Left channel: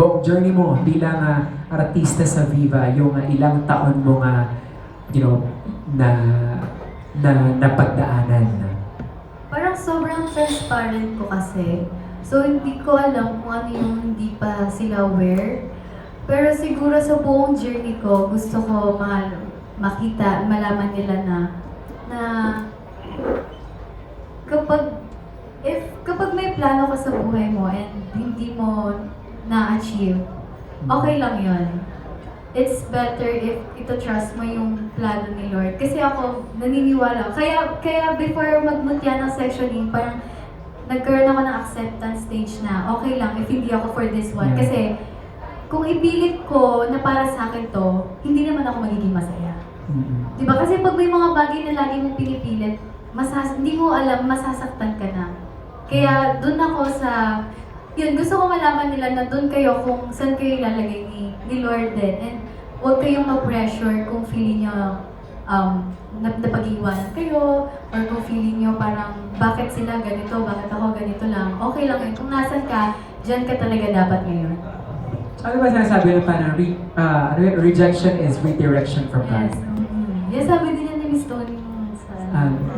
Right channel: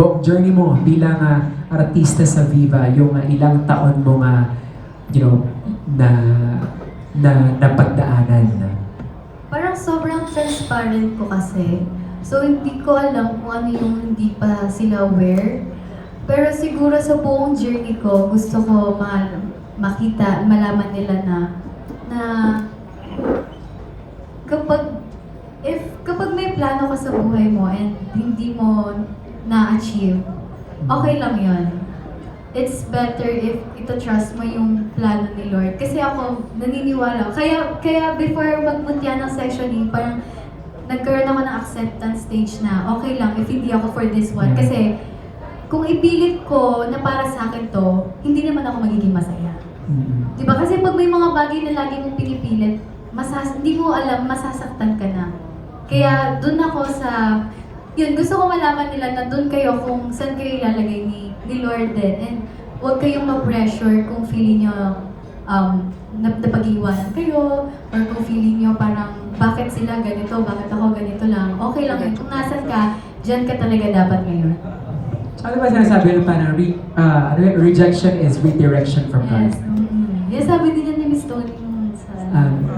buong journey mo bilang artista sa Viva, yung ilang taon mo you know, na napagdaanan. Parang sobrang transparent ko kasi. So, hindi ko alam kung ano yung hindi pa sila aware. Pero siguro sa buong journey ko, gusto ko makita, malaman nila na kapag may plano ka sa buhay mo and hindi mo na-achieve, okay lang yun. It's better if ito-trust mo yung plano ni Lord. Kasi ako, naniniwala. Kaya before magmutya ng sessioning, parang nagkaroon ako ng acceptance stage na okay lang if hindi ako for this one. Kasi kung ipilit ko na para sa akin to, hindi naman ako magiging masaya. Diba? Kasi pag may mga bagay na lagi mong pinipilit, hindi mo alam, masasaktan ka na. Kaya dun ako sa yun, gusto ko malaman nila na doon kayo kung saan kayo ilalagay ni Lord din. And huwag kayong ma-pressure kung feeling nyo napag-iwanan kayo or kung feeling nyo parang bakit sila ganito, bakit ako ganito lang. Okay lang yun. Kung nasan ka, dyan ka talaga dapat ngayon. So, ano ba sinasabi yung parang rejection is redirection from God? Yes. Yes, sabi din yan ni Miss Tony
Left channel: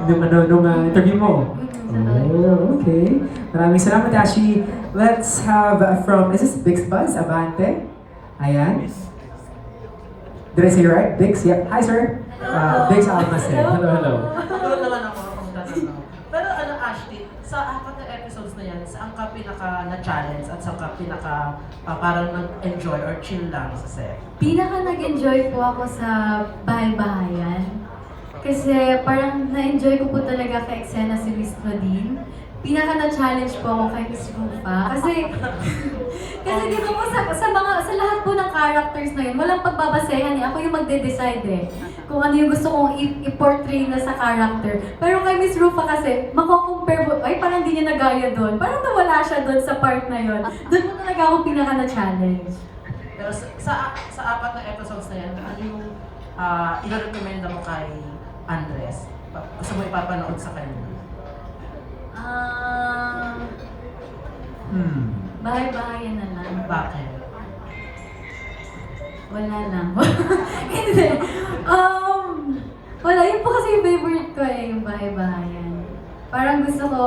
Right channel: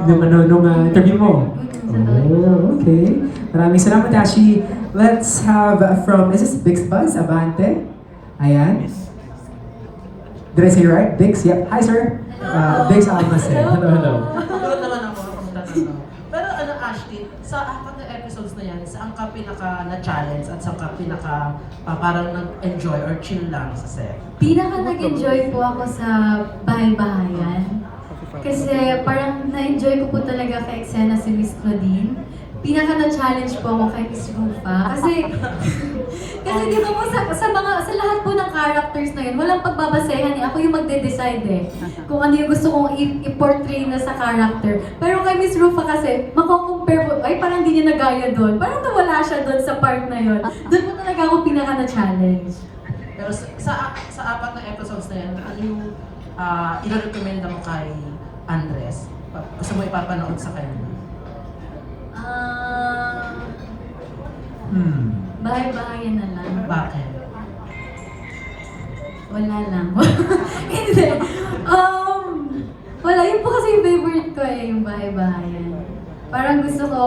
Nung interview mo? Oh, okay. Maraming salamat, Ashi. Let's have from, is this Bix Buzz? Avante? Ayan. Did I say right? Bix? Yep. Hi, sir. Bix Almacen. Hello. Siguro naman ako kung tatanong. Pero ano, Ashley, sa apat na episodes na yan, saan ka pinaka-na-challenge at saan ka parang nag-enjoy or chill lang sa set? Pinaka nag-enjoy po ako sa bahay-bahayan. Kasi parang na-enjoy ko po talaga kay eksena si Miss Claudine. Pinaka na-challenge po ako kay Miss Rufa. Kasi di ba po sa lahat po ng characters na yun, walang pagbabasehan eh. Ako yung magde-decide eh. Kung ano yung gusto kong i-portray na sa character. Pero kay Miss Rufa kasi, mako-compare po, ay parang hindi niya nagaya doon. Parang nawala siya doon sa part na yun. Doon po talaga ako pinaka na-challenge. Pero sa apat na episodes na yan, ano yung i-recommend mo kay Andres? Gusto mo ipapanood sa kanya? Bahay-bahayan na lang. Bakit? Wala lang. Hindi. Wala. Yun po kasi yung favorite ko eh, yung bahay-bahayan. Parang gusto ko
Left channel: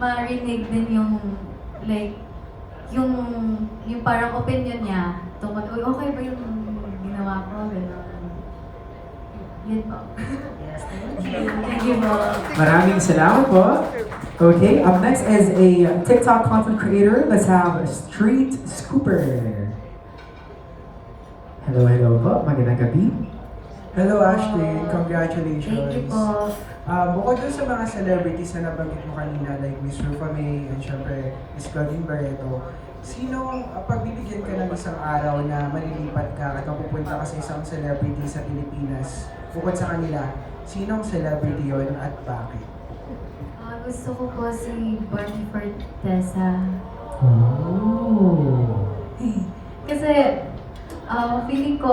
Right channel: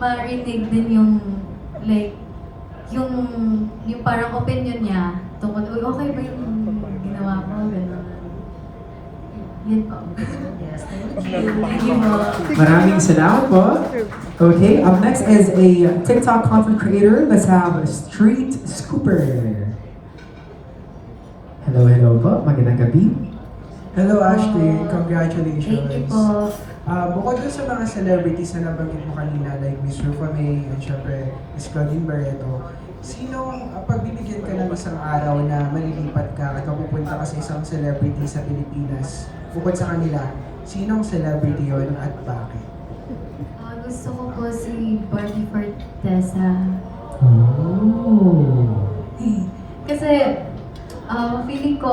ma-renege din yung, like, yung parang opinion niya tungkol, uy, okay ba yung ginawa ko? Gano'n. Yun po. Yes, Thank you po. Maraming salamat po. Okay, up next is a TikTok content creator. Let's have Street Scooper. Hello po. Magandang gabi. Hello Ashley, congratulations. Thank you po. Bukod doon sa mga celebrities na nabanggit mo kanina like Miss Rufa May and syempre Miss Claudine Barreto, sinong pagbibigyan ka ng isang araw na malilipat ka at mapupunta ka sa isang celebrity sa Pilipinas, bukod sa kanila, sinong celebrity yon at bakit? Gusto ko po si Bonnie Fortesa. Oh. Kasi feeling ko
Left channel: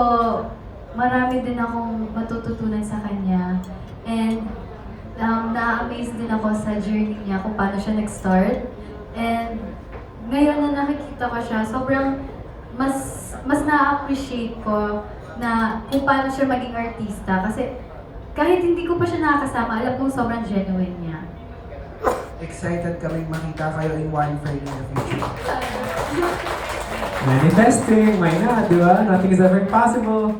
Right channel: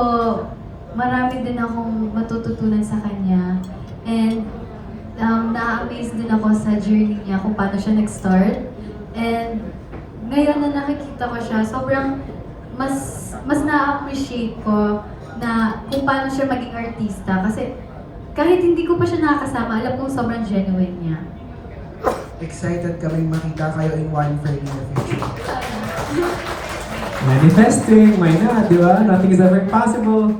marami din akong matututunan sa kanya. And na-amaze din ako sa journey niya kung paano siya nag-start. And ngayon na nakikita ko siya, sobrang mas na-appreciate ko na kung paano siya maging artista. Kasi kahit hindi ko pa siya nakakasama, alam kong sobrang genuine niya. Excited kami makita kayo in one frame in the future. Manifesting, why not, di ba? Nothing is ever impossible.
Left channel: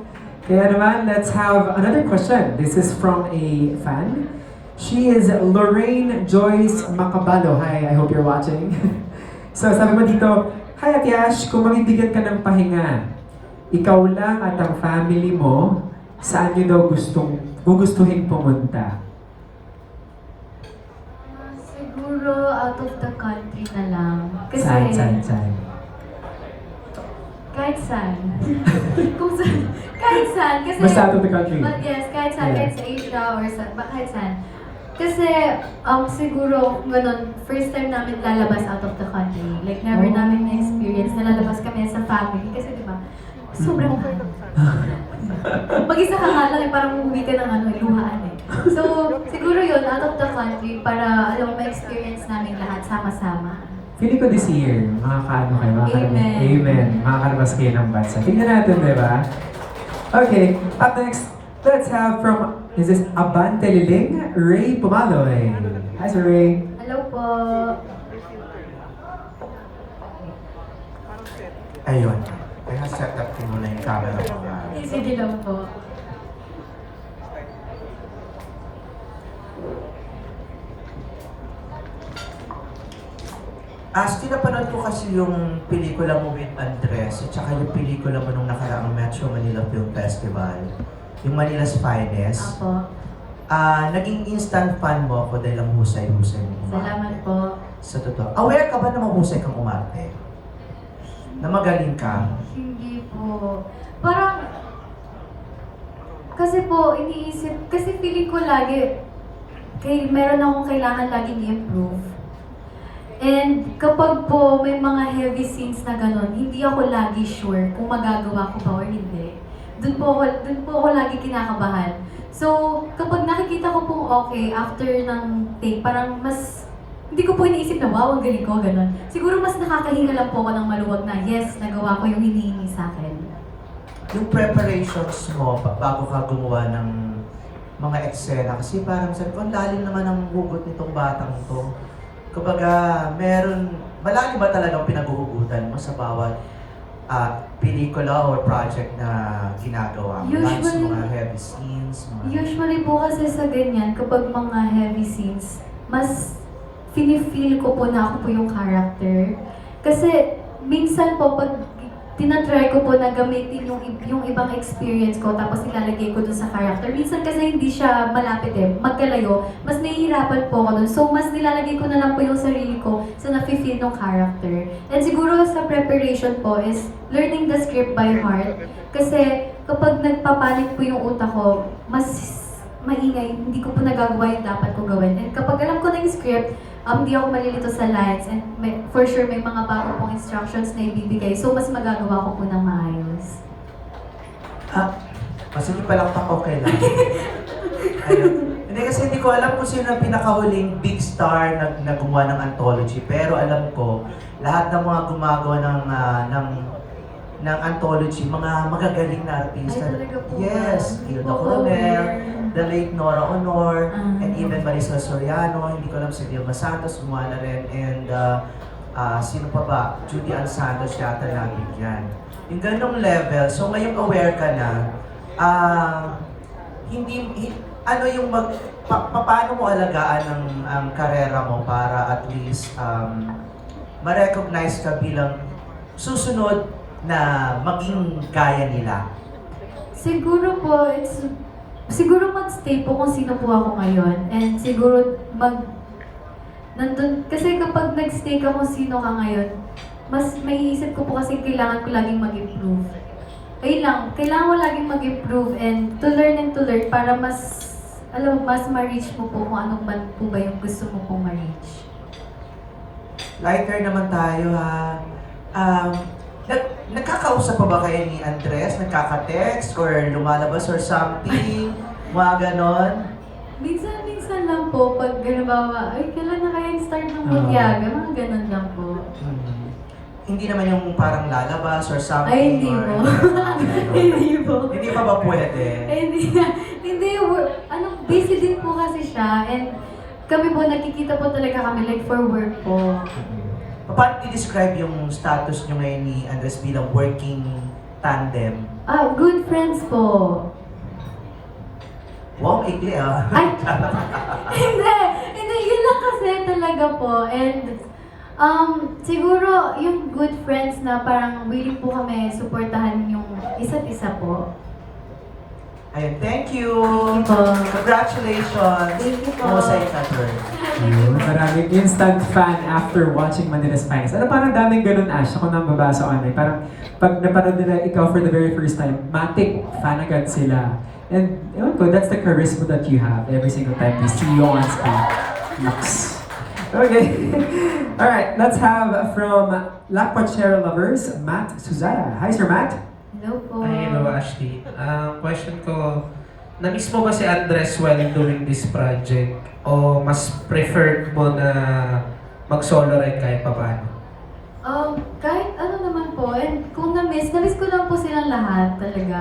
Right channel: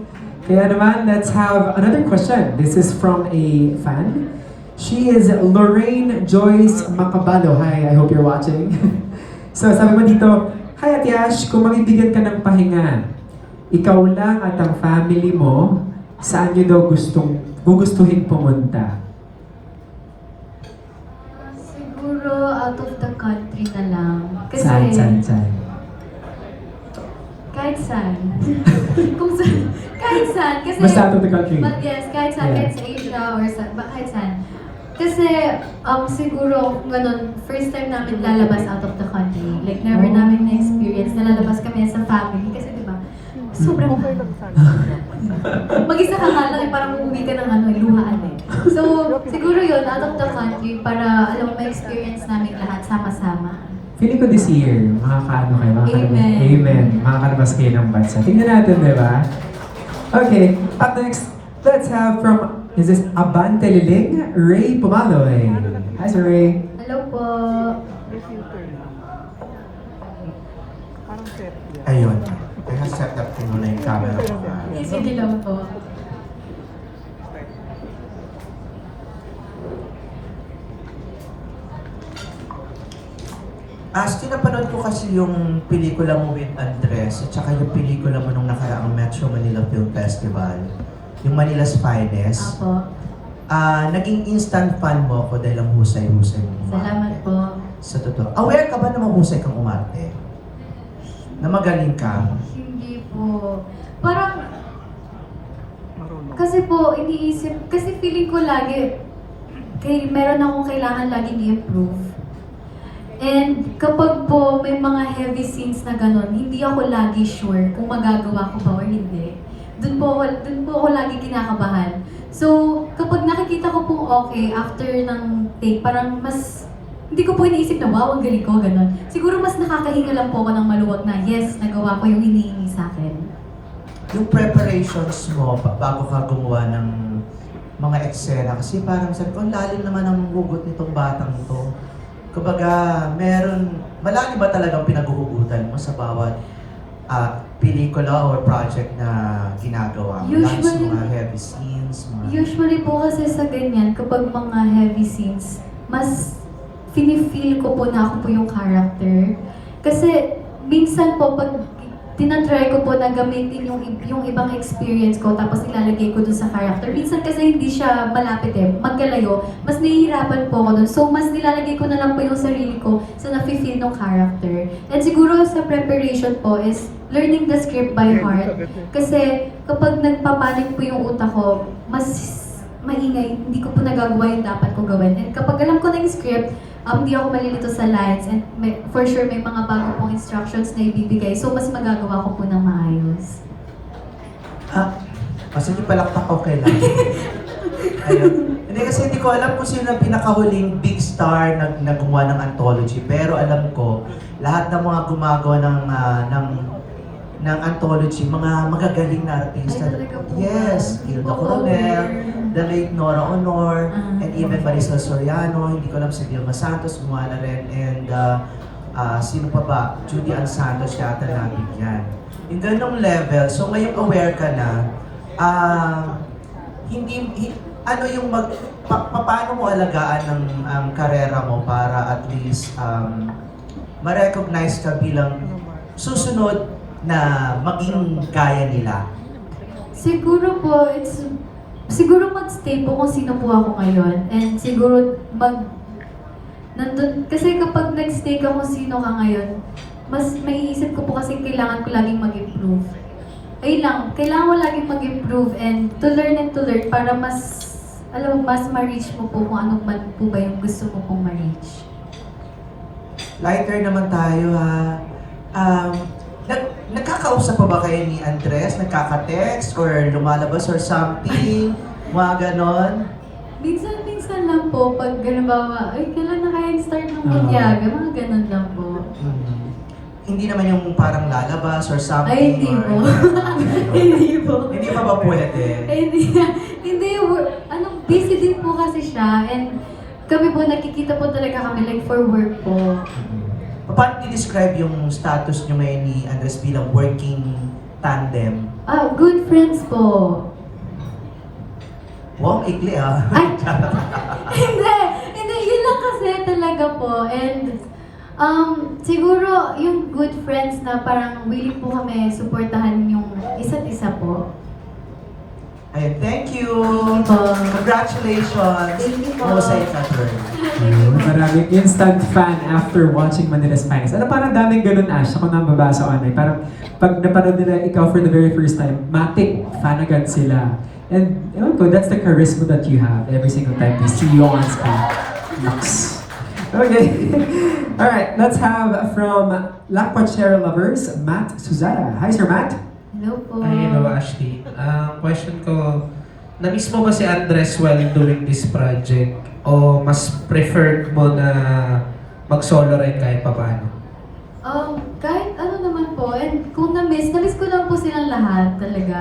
Kaya naman, let's have another question. This is from a fan. She is Lorraine Joyce Macabalo. Hi, I hope you're watching. So, sabi mo dito, hi Ate Ash, kung mabibigyan ka ng pahinga, ikaw lang at ang family mo, saan nyo daw gugustuhin pumunta? Siguro out of the country na lang. Kasi Saan? kahit saan. Kung saan. Kahit saan. Kasi, Basta out of the country. But yes, kahit saan. Yeah. Kahit sa Asia or sa, kahit saan. Kasi, siguro, ganun, first time namin lalabas out of the country. Like, never namin na-experience na lalabas kami sa family. Kasi, di ba, sobrang mag-isa ka nga lang, parang umuwi ka ng luhaan eh. So, siguro yun, out of the country, para alam mo, ma-experience namin lahat sama-sama. feeling ko this year, makakaano kayo, Amen. Amen. Makakalabas kayo ng bansa. Tingnan natin, di ba? Okay, up next, let's have from, is this Abante Liling? Ray Pumaloy. Hi, Sir Ray. Hello po. Ayun. Kaya set up ko muna yung camera ko. Sige lang po. Asti, napanood ko kasi yung pelikula mo with Andres at saka yung pelikula mo nung nakaraang Metro Manila Film Festival, yung Manila's Finest. Apo. Naging instant fan mo ako dahil ang husay-husay mo umarte. Salamat po. Sa totoo. Aware ka ba na mahusay kang umarte? Na magaling ka? Hindi po. Parang, kasi po, iniisip, kasi feeling ko lagi, meron akong kailangan laging i-improve. And kapag po may mga heavy scenes na gano'n, hindi ako lagi sure kung magagawa ko ba o hindi. Doon po ako lagi kinakabahan. So, kapag nakikita ko pong okay after ng take, parang mas, hindi ko po iniisip na wow, ang galing ko, gano'n. Siguro mas nakakahinga lang po ako ng maluwag na yes, nagawa ko yung hinihingi sa akin. Yung preparations mo bago ka gumawa ng mga eksena, kasi parang sabi ko, ang lalim naman ang hugot nitong batang to. Kumbaga, malalim ba talagang pinaghuhugutan mo sa bawat pelikula or project na ginagawa mo? Lalo sa mga heavy scenes, Usually po kasi sa ganyan, kapag mga heavy scenes, mas feel ko po na ako po yung character. Kasi minsan po, pag tinatry ko po na gamitin yung ibang experience ko, tapos ilalagay ko dun sa character. Minsan kasi hindi siya malapit magkalayo, mas nahihirapan po ako dun. So, mas nilalagay ko na lang po yung sarili ko sa nafe-feel ng character. And siguro sa preparation po is learning the script by heart. Kasi kapag nagpapanik po yung utak ko, mas maingay, hindi ko po nagagawa yung dapat ko gawin. And kapag alam ko na yung script, hindi ako malilito sa lines and for sure may mga bago pong instructions na ibibigay. So, mas magagawa ko po ng maayos. Kasi di palakpak okay lang. Ayun. Hindi kasi hindi ko alam kung sino ang pinakahuling big star na gumawa ng anthology. Pero alam ko, lahat ng mga gumagawa ng anthology, mga magagaling na artista. Ay, talaga po ba? Yes, Gilda Oo. Coronel, the late Nora Honor, and even Marisol Soriano, hindi ko alam si Vilma Santos, gumawa na rin, and sino pa ba? Judy Ann Santos yata namin yan. Yung ganong level, so ngayon aware ka na, paano mo alagaan ang karera mo para at least ma-recognize ka bilang susunod na maging gaya nila? Siguro po, siguro mag-stay po kung sino po ako ngayon. And siguro nandun, kasi kapag nag-stay ka kung sino ka ngayon, mas maiisip ko po kasi kailangan ko laging mag-improve. Ayun lang, kailangan mo laging mag-improve and to learn para mas, mas ma-reach mo po kung ano man po ba yung gusto mo pong ma-reach. Lighter naman tayo ha. Nagkakausap pa ba kayo ni Andres? Nagkaka-text or lumalabas or something? Mga ganon? Minsan lang po, pag gano'n ba, ay, kailan na kaya start ng magyaga? Mga gano'n lang po. Hindi naman yung parang lalabas or something? Ay, hindi or- po. Hindi po. Hindi pa ba pwede? Hindi, busy din po kasi siya. And kami po, nakikita po talaga kami like for work po. Paano i-describe yung status nyo ngayon ni Andres bilang working tandem? Good friends po. Wow, ikli ah. Ay, hindi, yun lang kasi talaga po. And siguro yung good friends na parang willing po kami suportahan yung isa't isa po. Ayun, thank you! Po. Congratulations! Thank you po. Husay Cather. Yun, maraming instant fan after watching Manila's Finest. Parang daming ganun, Ash. Ako nang babasa online. Parang pag napanood nila ikaw for the very first time, matik, fan agad sila. And ewan ko, that's the charisma that you have every single time we see you on screen. Lux. Okay. Alright, let's have from Lakpachero Lovers, Matt Suzara. Hi, Sir Matt. Hello po. Ay, hello Ashley. Ang question ko, na-miss mo ba si Andres while doing this project? O mas preferred mo na mag-solo rin kahit paano? kahit ano naman po, and kung na-miss ko lang po silang lahat talaga.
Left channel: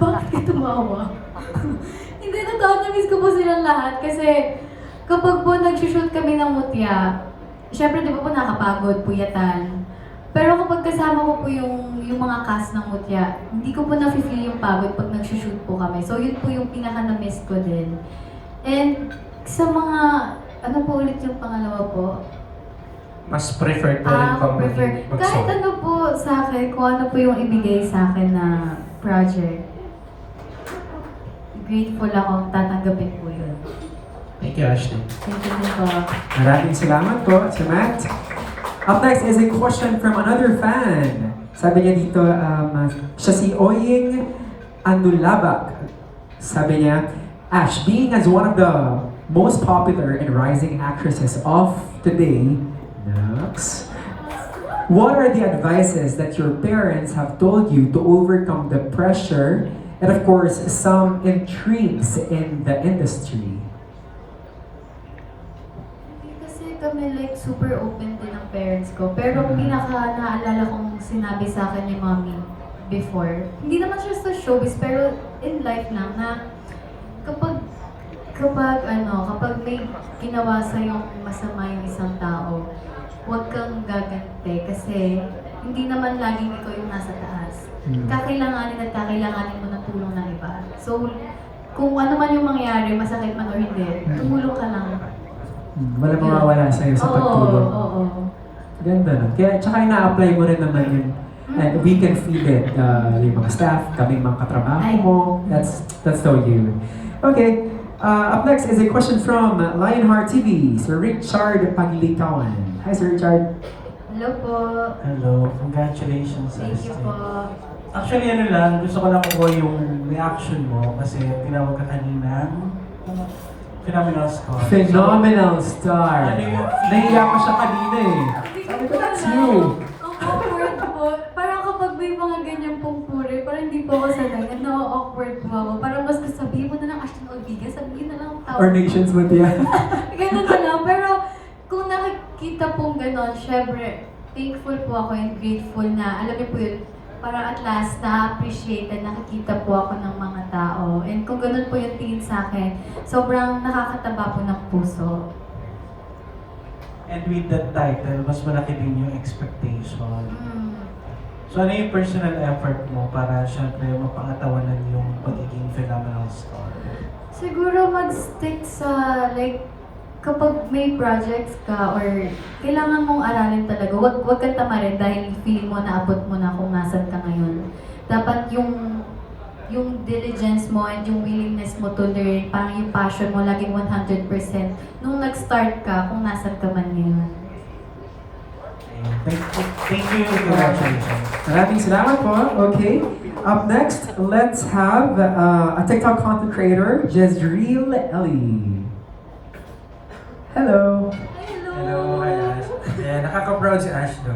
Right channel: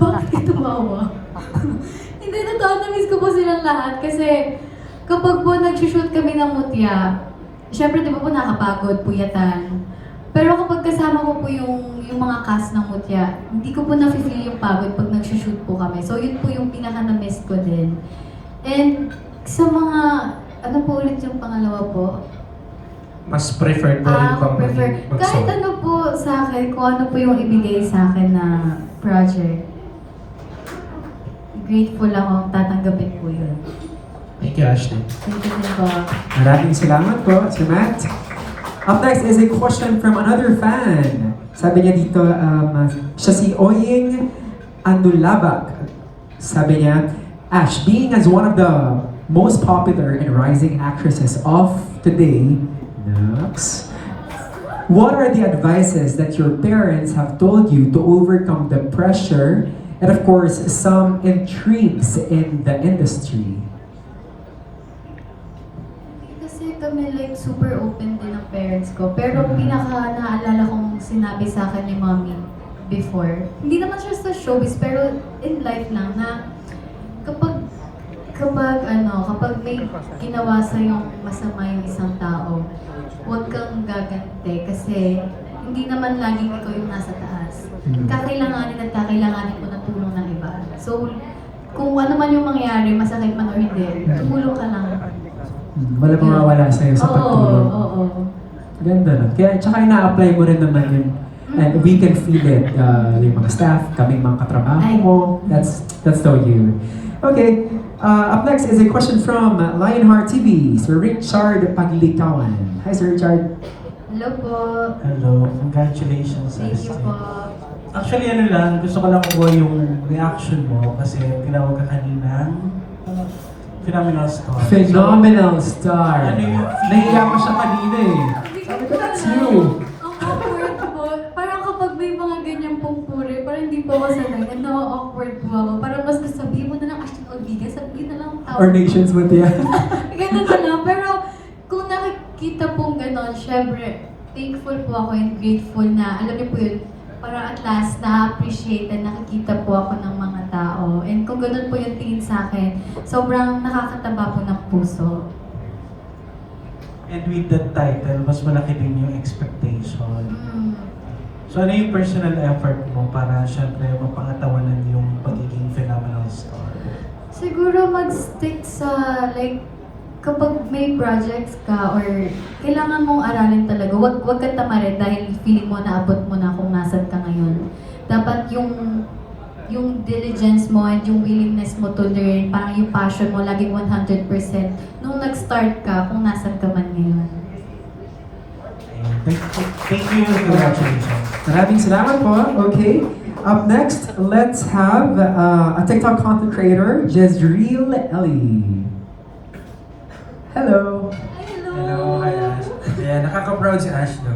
Bakit ka tumawa? Hindi, totoo, na-miss ko po silang lahat kasi kapag po nag-shoot kami ng mutya, syempre di ba po nakapagod, puyatan. Pero kapag kasama ko po yung mga cast ng mutya, hindi ko po na-feel yung pagod pag nag-shoot po kami. So yun po yung pinaka-na-miss ko din. And sa mga, ano po ulit yung pangalawa po? Mas prefer mo rin bang Prefer. maging Kahit mag-solo? ano po sa akin, kung ano po yung ibigay sa akin na project. Grateful akong tatanggapin po yun. Thank you, Ashley. Thank you din po. Maraming salamat po, Sir Matt. Up next is a question from another fan. Sabi niya dito, siya si Oying Anulabak. Sabi niya, Ash, being as one of the most popular and rising actresses of today, Nux, what are the advices that your parents have told you to overcome the pressure and of course some intrigues in the industry? Kasi kami like super open din ng parents ko. Pero pinaka naalala kong sinabi sa akin ni mommy before, hindi naman siya sa showbiz, pero in life na kapag may ginawa sa yung masama yung isang tao, huwag kang gaganti kasi hindi naman laging ikaw yung nasa taas. Kakailanganin at kakailanganin mo ng tulong ng iba. So, kung ano man yung mangyari, masakit man o hindi, tumulong ka lang. Wala pang mawala sa'yo sa pagtulong. Oo. Ganda no? Kaya tsaka ina-apply mo rin naman yun. And we can feel it. Yung mga staff, kami mga katrabaho mo. That's so you. Okay. Up next is a question from Lionheart TV, Sir Richard Paglitawan. Hi, Sir Richard. Hello po. Hello, congratulations. Thank you po. Actually, ano lang, gusto ko lang kuha yung reaction mo kasi tinawag ka kanina. Phenomenal star. Phenomenal star. Ano yun? Naiiyak ko siya kanina eh. Sabi ko, that's you. Ang awkward po. Parang kapag may mga ganyan pong puri, parang hindi po ako sanay. Awkward po ako. Parang mas sabihin mo na lang, Ashton Olviga, sabihin na lang tao. Or nations with yan. Ganun na lang. Pero kung nakikita pong gano'n, syempre, thankful po ako and grateful na, alam niyo po yun, para at last na-appreciate and nakikita po ako ng mga tao. And kung gano'n po yung tingin sa akin, sobrang nakakataba po ng puso. And with that title, mas malaki din yung expectation. Mm. So ano yung personal effort mo para syempre mapangatawanan yung pagiging phenomenal star? Siguro mag-stick sa, like, kapag may projects ka or kailangan mong aralin talaga, wag ka tamarin dahil feeling mo naabot mo na kung nasan ka ngayon. Dapat yung diligence mo and yung willingness mo to learn, parang yung passion mo, laging 100% nung nag-start ka kung nasan ka man ngayon. Thank you, congratulations. Maraming salamat po. Okay. Up next, let's have a TikTok content creator, Jezreel Ellie. Hello. Hello, hi Ash. Ayan, nakaka-proud si Ash, no?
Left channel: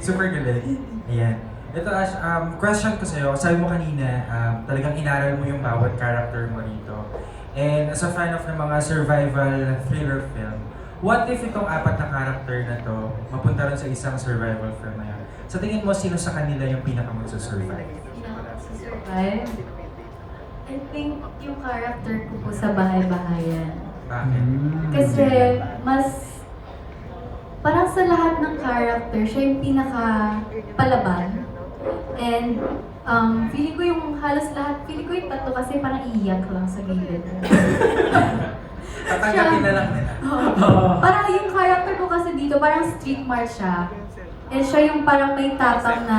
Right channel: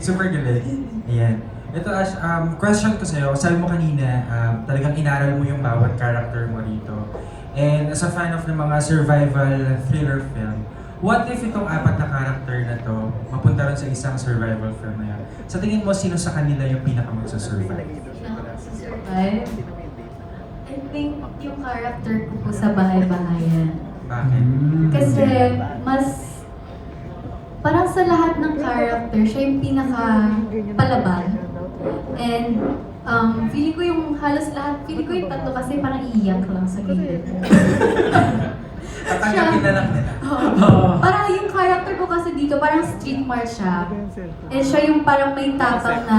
Super galing. Ayan. Ito Ash, question ko sa'yo. Sabi mo kanina, talagang inaral mo yung bawat character mo dito. And as a fan of ng mga survival thriller film, what if itong apat na character na to, mapunta rin sa isang survival film na, sa tingin mo, sino sa kanila yung pinaka-magsusurvive? I think yung character ko po sa bahay-bahayan. Bakit? Kasi mas parang sa lahat ng character, siya yung pinaka-palaban. And feeling ko yung halos lahat, feeling ko yung tatlo kasi parang iiyak lang sa gilid. Tatanggapin na lang nila. Parang yung character ko kasi dito, parang street smart siya. And siya yung parang may tapang na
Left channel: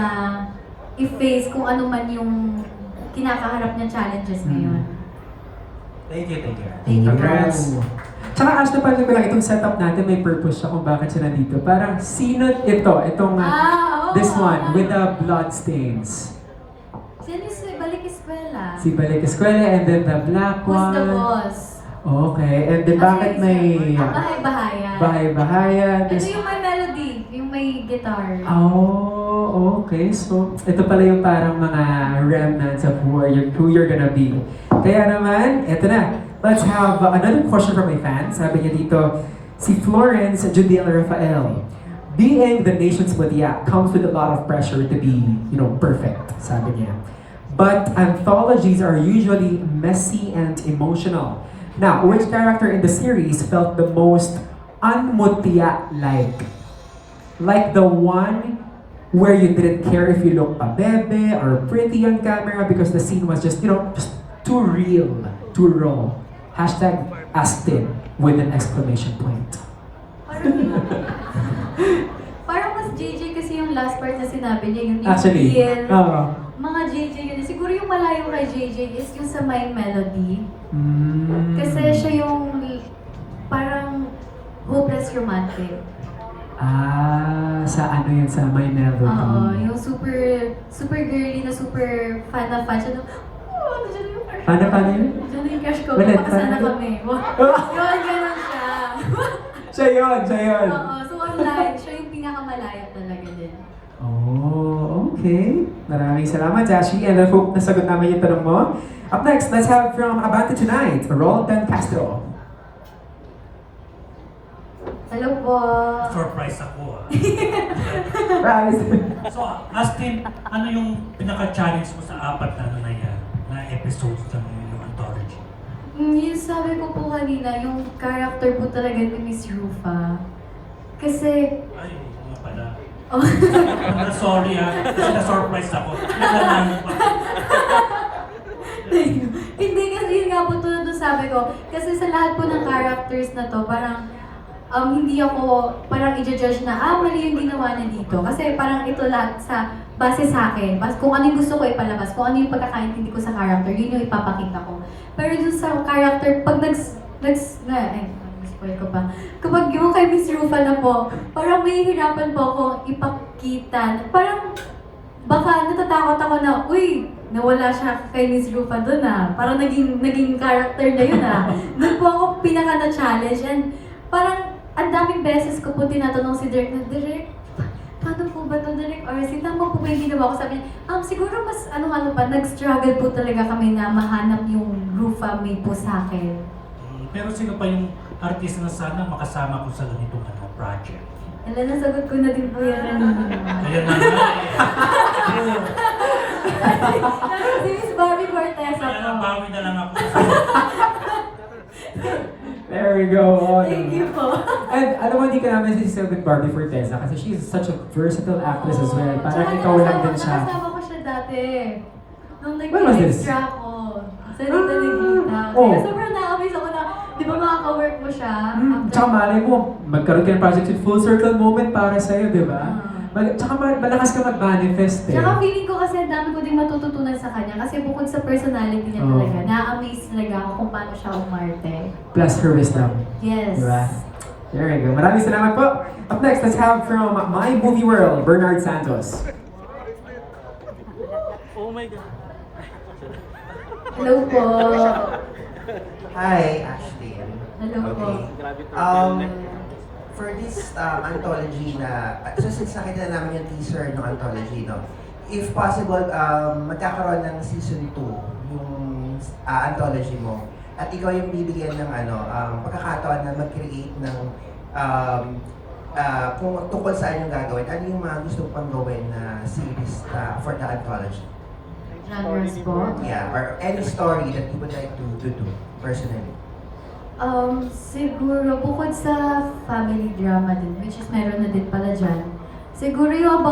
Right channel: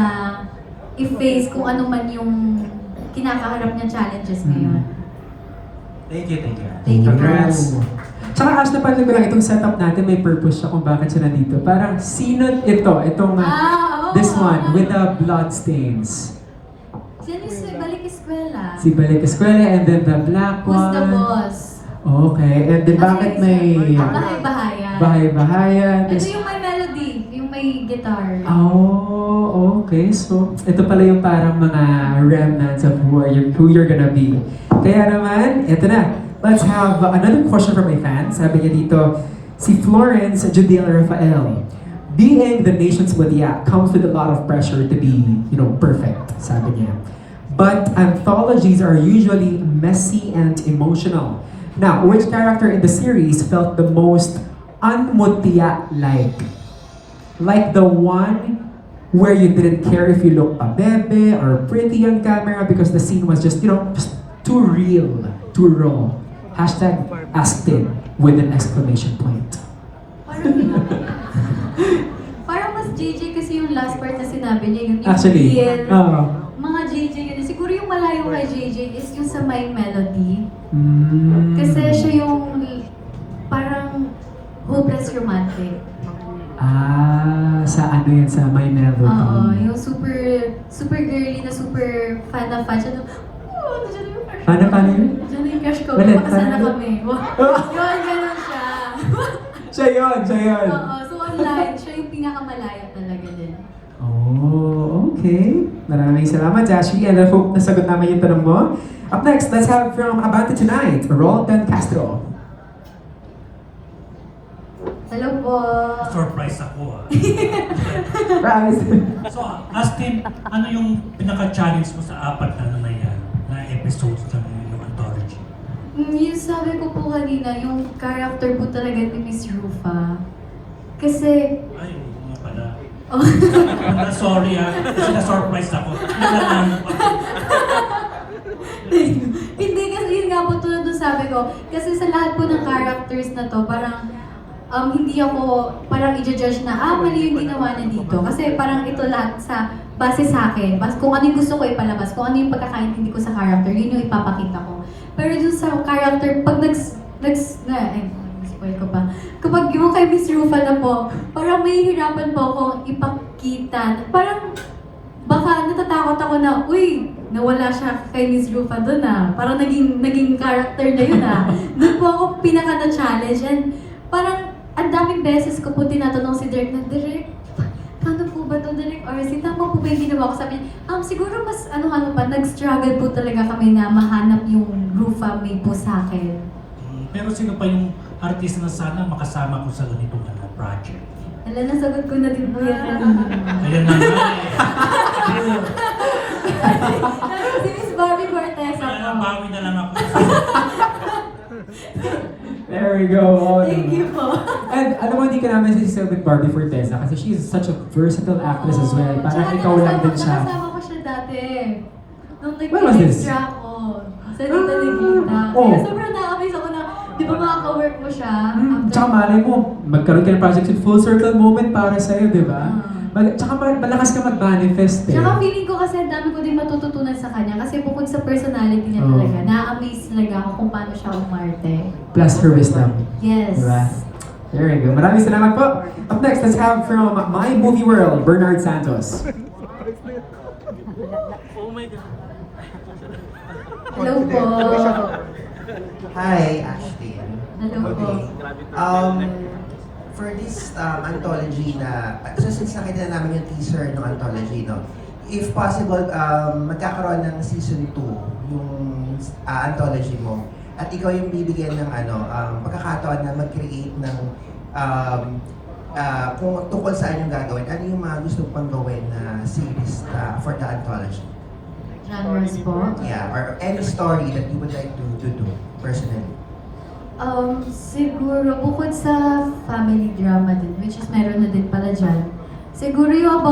i-face kung ano man yung kinakaharap ng challenges ngayon. Thank you, thank you. Thank you. Congrats. Tsaka Ash, napanood ko lang itong setup natin, may purpose siya kung bakit siya nandito. Parang sino ito? Itong Oo. this one with the blood stains. Sino si Balik Eskwela? Si Balik Eskwela and then the black Who's one. the boss? Okay, and then bakit may Bahay-bahayan. bahay-bahayan? Ito yung may melody, yung may guitar. Oh, okay. So, ito pala yung parang mga remnants of who you're gonna be. Kaya naman, ito na. Let's have another question from my fans. Sabi niya dito, si Florence Judiel Rafael. Being the nation's Mutya comes with a lot of pressure to be, perfect, sabi niya. But anthologies are usually messy and emotional. Now, which character in the series felt the most unmutya-like? Like the one where you didn't care if you looked pabebe or pretty on camera because the scene was just, just too real, too raw. Hashtag asked it with an exclamation point. Parang mas JJ kasi yung last part na sinabi niya, yung Actually, real. uh, Mga JJ yun. Siguro yung malayo kay JJ is yung sa My Melody. mm, Kasi siya yung parang hopeless romantic. sa ano yan, sa My Melody. Oo, yung super girly na super fan na fan siya. Oh, nandiyan yung crush ko. Paano yun? Nandiyan yung crush ko. Ulit, Pakasana paano? kami. Yun, ganun siya. Siya yun. Oo, so online, siya yung pinakamalayo talaga din. Oh, okay. Maraming salamat, Jashi. And I hope nasagot namin yung tanong mo. Up next, let's have from Abante Tonight, Roldan Castro. Hello po. Surprise ako. Rise. So, Astin, ano yung pinaka-challenge mo sa apat na yan, na episodes ng yung anthology? Yung sabi ko po kanina, yung character po talaga ni Miss Rufa. Kasi, Ay, nga pala. oh, Sorry kasi na-surprise ako. Hindi na namin pa. hindi kasi yun nga po tulad nung sabi ko. Kasi sa lahat po ng characters na to, parang hindi ako parang i-judge na, mali yung ginawa na dito. Kasi parang ito lahat base sa akin. Kung ano yung gusto ko ipalabas, kung ano yung pagkakaintindi ko sa character, yun yung ipapakita ko. Pero dun sa character, pag spoil ko pa. Kapag yung kay Miss Rufa na po, parang mahihirapan po akong ipakita. Parang baka natatakot ako na, uy, nawala siya kay Miss Rufa doon Parang naging character na yun Doon po ako pinaka-na-challenge and parang ang daming beses ko po tinatanong si Direk na, Direk, paano po ba ito, Direk? Or tama po ba yung ginawa ko? Sabi niya, siguro mas pa, nag-struggle po talaga kami na mahanap yung Rufa made po sa akin. Pero sino pa yung artist na sana makasama ko sa ganitong project? Alam, nasagot ko na din po yan kanina. Ayan na nga Si Miss Barbie Cortez Kaya ako. bawi na lang ako. There we go. Oh, Thank you po. And alam mo, hindi ka namin sisisabi with Barbie Forteza kasi she's such a versatile actress as well. Parang Tsaka ikaw lang din siya. Nakasama ko siya dati. Nung When was this? nag-extra ako. Sa Dita Negita. Oh. Kaya sobrang na-amaze ako na, di ba makaka-work mo siya? Tsaka malay mo, magkaroon ka ng project with full circle moment para sa'yo, di ba? Tsaka malakas ka mag-manifest eh. Tsaka feeling ko kasi ang dami ko din matututunan sa kanya kasi bukod sa personality niya Oh. talaga, na-amaze talaga ako kung paano siya umarte. Plus her wisdom. Yes. Diba? There you go. Maraming salamat po. Up next, let's have from My Movie World, Bernard Santos. Hello po. Hi, Ashley. Hello po. For this anthology since nakita na namin yung teaser ng anthology, if possible, magkakaroon ng season 2 yung anthology mo. At ikaw yung bibigyan ng pagkakataon na mag-create ng kung tungkol saan yung gagawin, ano yung mga gusto pang gawin na series for the anthology? Genres po. Yeah, or any story that you would like to do personally. Siguro, bukod sa family drama din, which is meron na din pala dyan, siguro yung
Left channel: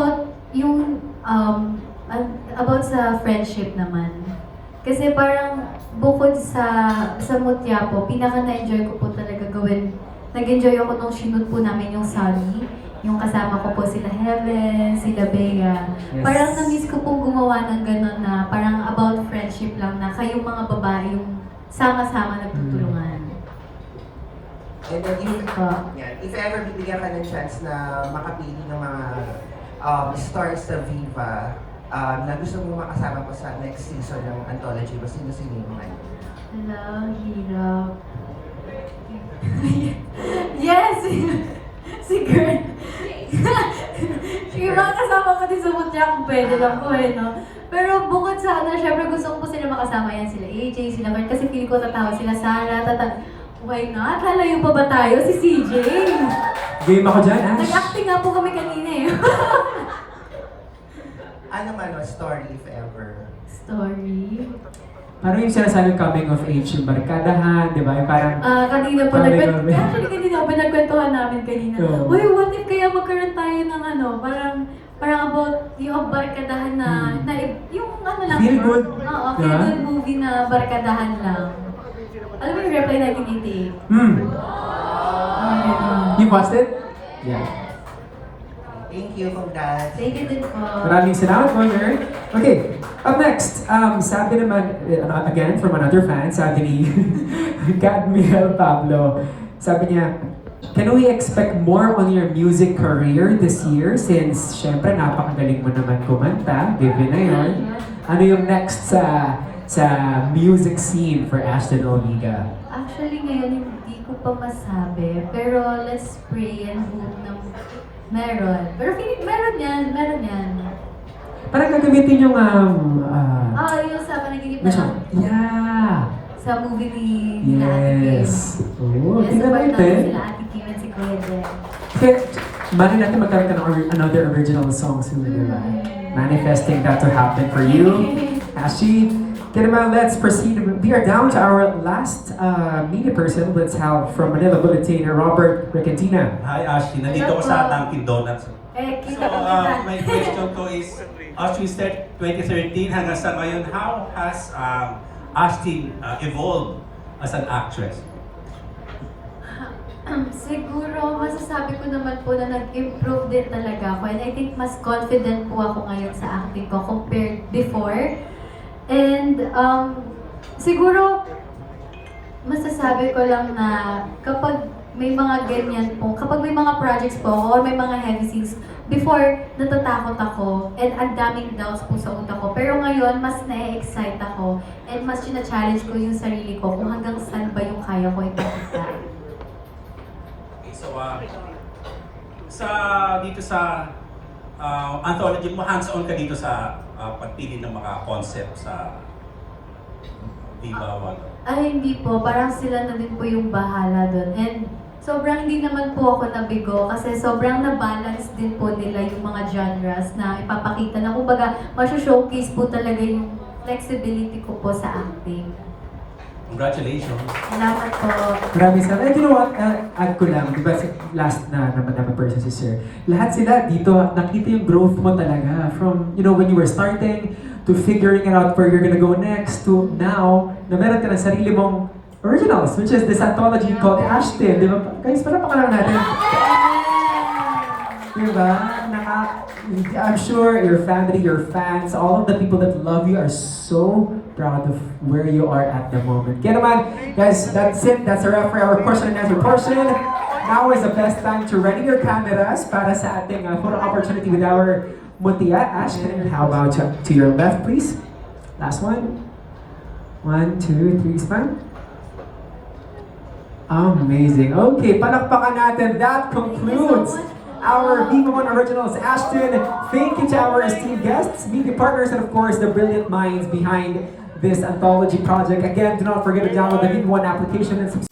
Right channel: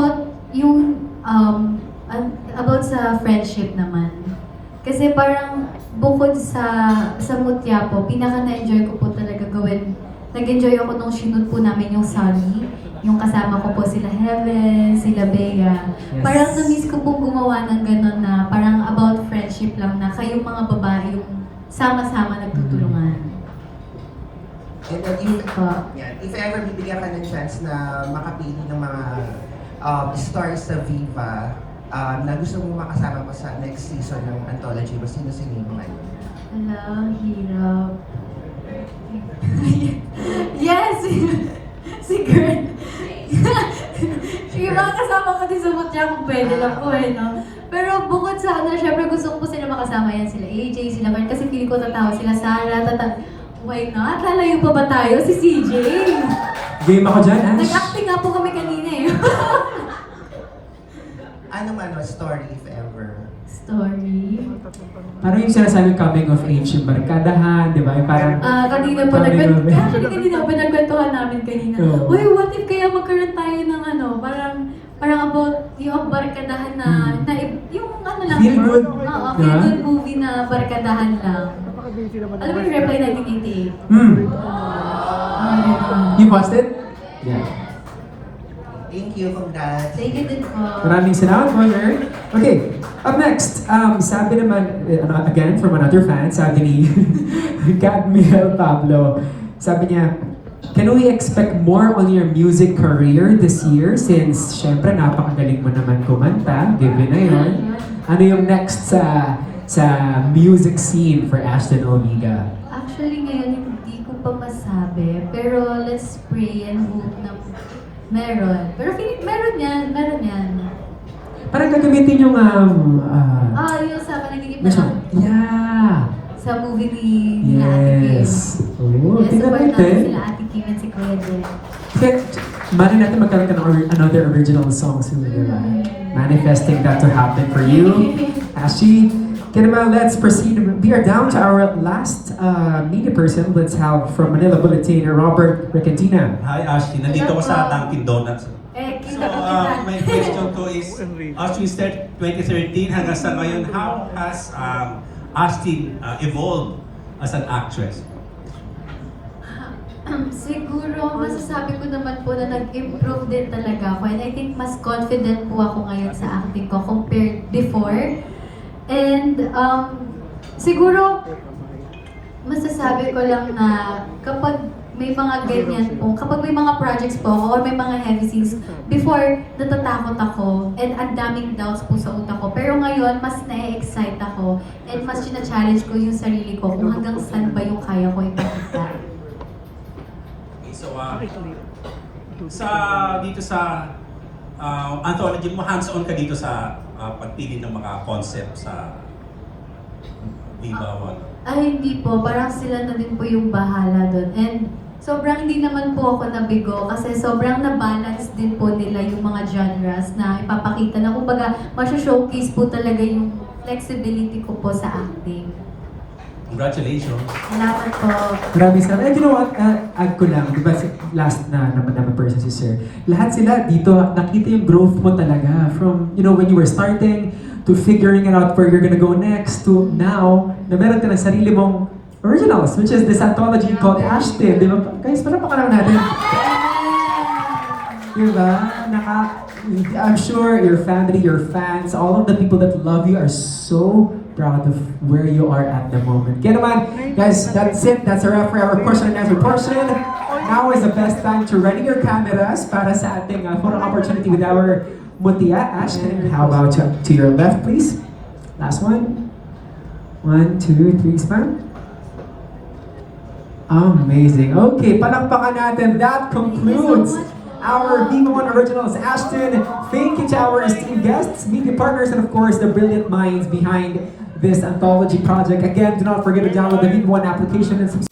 about sa friendship naman. Kasi parang bukod sa mutya po, pinaka na-enjoy ko po talaga gawin. Nag-enjoy ako nung shoot po namin yung Sally, yung kasama ko po sila Heaven, sila Bea. Yes. Parang na-miss ko pong gumawa ng gano'n na parang about friendship lang na kayong mga babae yung sama-sama nagtutulungan. And if ever bibigyan ka ng chance na makapili ng mga stars sa Viva na gusto mong makasama mo sa next season ng anthology, sino-sino yung mga yun? Hello, hirap. Yes! Si Gert. Sige, mga kasama ko din sa mutya kung pwede lang po no? Pero bukod sa syempre gusto ko po sila makasama yan, sila AJ, sila Gert, kasi feeling ko tatawa sila Sarah, Why not? Lalayo pa ba tayo? Si CJ. Game ako dyan, Ash. Nag-acting nga po kami kanina eh. Anong story if ever? Story. Parang yung sinasabing coming of age, yung barkadahan, di ba? Yung parang... Kanina po nagkwentuhan namin kanina. Oo. Uy, what if kaya magkaroon tayo ng parang about yung barkadahan na yung ano lang. Feel good. Oo, Diba? feel good movie na barkadahan lang. Alam mo yung Reply 1988? You watched it? Yeah. Thank you for that. Thank you din po. Maraming salamat, Warner. Okay, up next, sabi naman, again, from another fan, sabi ni Cadmiel Pablo, sabi niya, can we expect more on your music career this year? Since, syempre, napakagaling mo naman kumanta, given na yun. Ano yung next sa music scene for Ashton Omega? Actually, ngayon hindi ko pa masabi. Pero let's pray and hope na meron. Pero feeling meron yan. Parang gagamitin yung, Yung sa Panaginip na yeah. sa movie ni Ate Kim. Yes. Oo, Yes, tingnan support natin natin. sila Ate Kim at si Kuya Jen. Kasi, mali natin magkaroon ka ng another original song soon, di ba? Manifesting that to happen for you. Ashi, Kinamel, let's proceed. We are down to our last media person. Let's have from Manila Bulletin, Robert Recantina. Hi Ashley, nandito ko sa Dunkin Donuts. Kita So, my question ko is, as we said, 2013 hanggang sa ngayon, how has Ashley evolved as an actress? Siguro, masasabi ko naman po na nag-improve din talaga ako. And I think mas confident po ako ngayon sa acting ko compared before. And siguro, masasabi ko lang na kapag may mga ganyan po, kapag may mga projects po ako or may mga heavy scenes, before, natatakot ako and ang daming doubts po sa utak ko. Pero ngayon, mas na-excite ako and mas challenge ko yung sarili ko kung hanggang saan ba yung kaya ko ipakita. Okay, so, dito sa anthology mo, hands-on ka dito sa pagpili ng mga concept sa Viva One. Ay, hindi po. Parang sila na din po yung bahala doon. And sobrang hindi naman po ako nabigo kasi sobrang na-balance din po nila yung mga genres na ipapakita na kumbaga showcase po talaga yung flexibility ko po sa acting. Congratulations. Salamat po. Grabe sana. And you know what? Add ko lang, di ba last na naman person si Sir. Lahat sila dito, nakita yung growth mo talaga. From, when you were starting, to figuring it out where you're gonna go next, to now, na meron ka ng sarili mong originals, which is this anthology called Ashton. Di ba? Guys, para pa lang natin. Diba? I'm sure your family, your fans, all of the people that love you are so proud of where you are at the moment. Kaya naman, guys, that's it. That's a wrap for our question and answer portion. Now is the best time to ready your cameras para sa ating photo opportunity with our Mutia Ashton. How about to your left, please? Last one. 1, 2, 3, smile. Amazing. Okay, palakpakan natin. That concludes our Viva One Originals. Ashton, thank you to our esteemed guests, media partners, and of course, the brilliant minds behind this anthology project. Again, do not forget to download the Viva One application and subscribe.